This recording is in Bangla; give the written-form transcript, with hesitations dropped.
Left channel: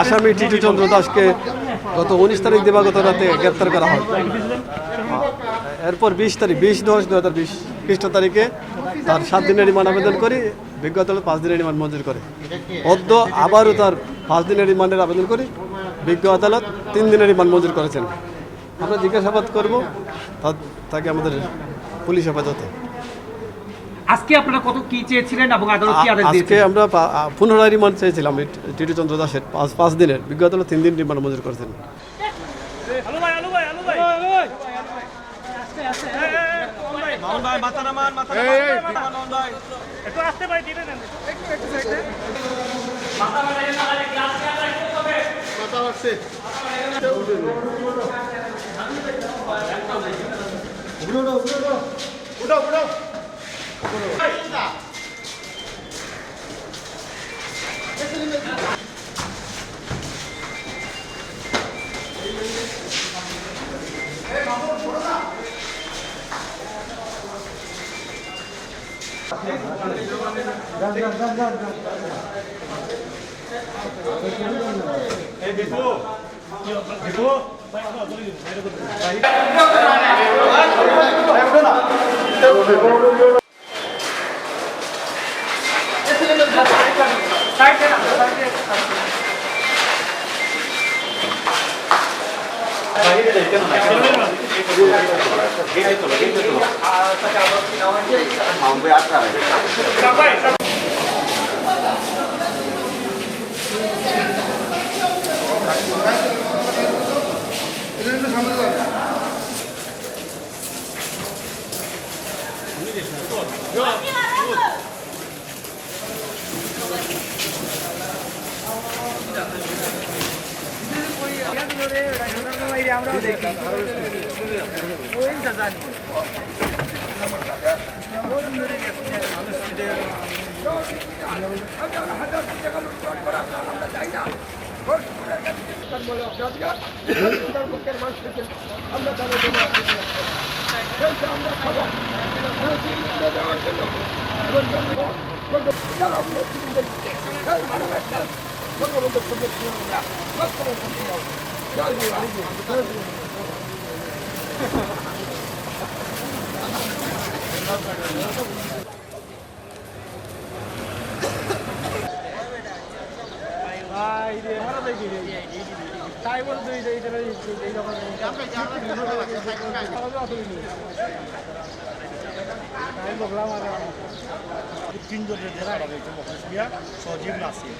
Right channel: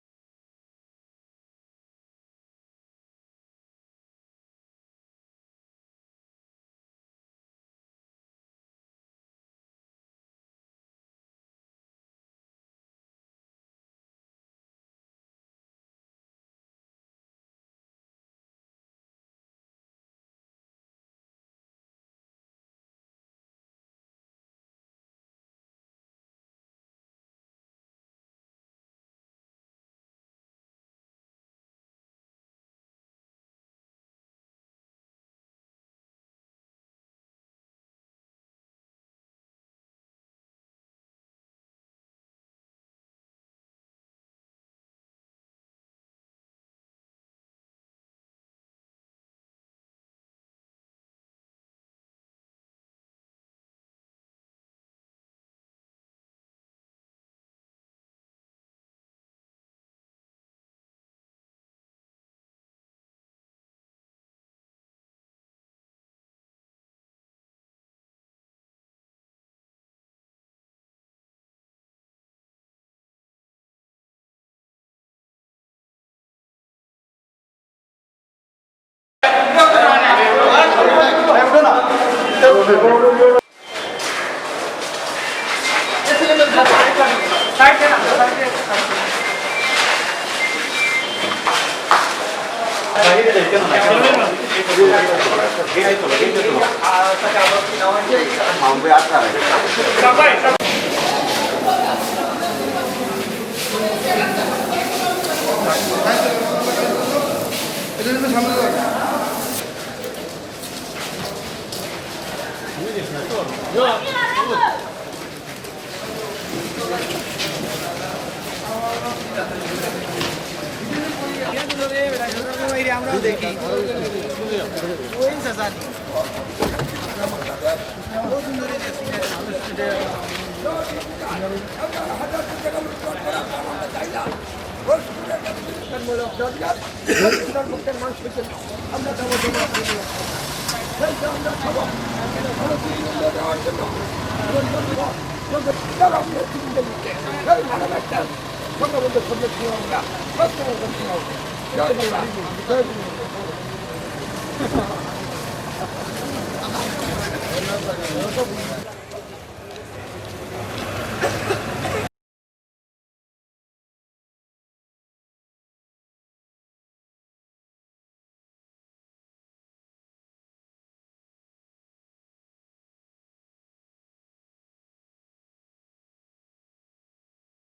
আসামি টিটু চন্দ্র দাসকে গত 19 তারিখ দিবাগত রাতে গ্রেপ্তার করা হয়। এরপর 20/10/2020 খ্রিস্ট তারিখে তার 7 দিনের রিমান্ড আবেদন করি, বিজ্ঞ আদালত 5 দিনের রিমান্ড মঞ্জুর করে। অদ্য আবারও তার 5 দিনের রিমান্ডের আবেদন করি, বিজ্ঞ আদালত 3 দিনের রিমান্ড মঞ্জুর করেছেন। আমরা জিজ্ঞাসাবাদ করব তাকে আমাদের পুলিশ হেফাজতে। আজকে আপনারা কত কি চেয়েছিলেন এবং আদালত কি আদেশ দিয়েছে? আজকে আমরা পুনরায় রিমান্ড চেয়েছিলাম টিটু চন্দ্র দাসের 5 দিনের, বিজ্ঞ আদালত 3 দিন রিমান্ড মঞ্জুর করেছেন। তিনজনের জেরা সজীব নাসির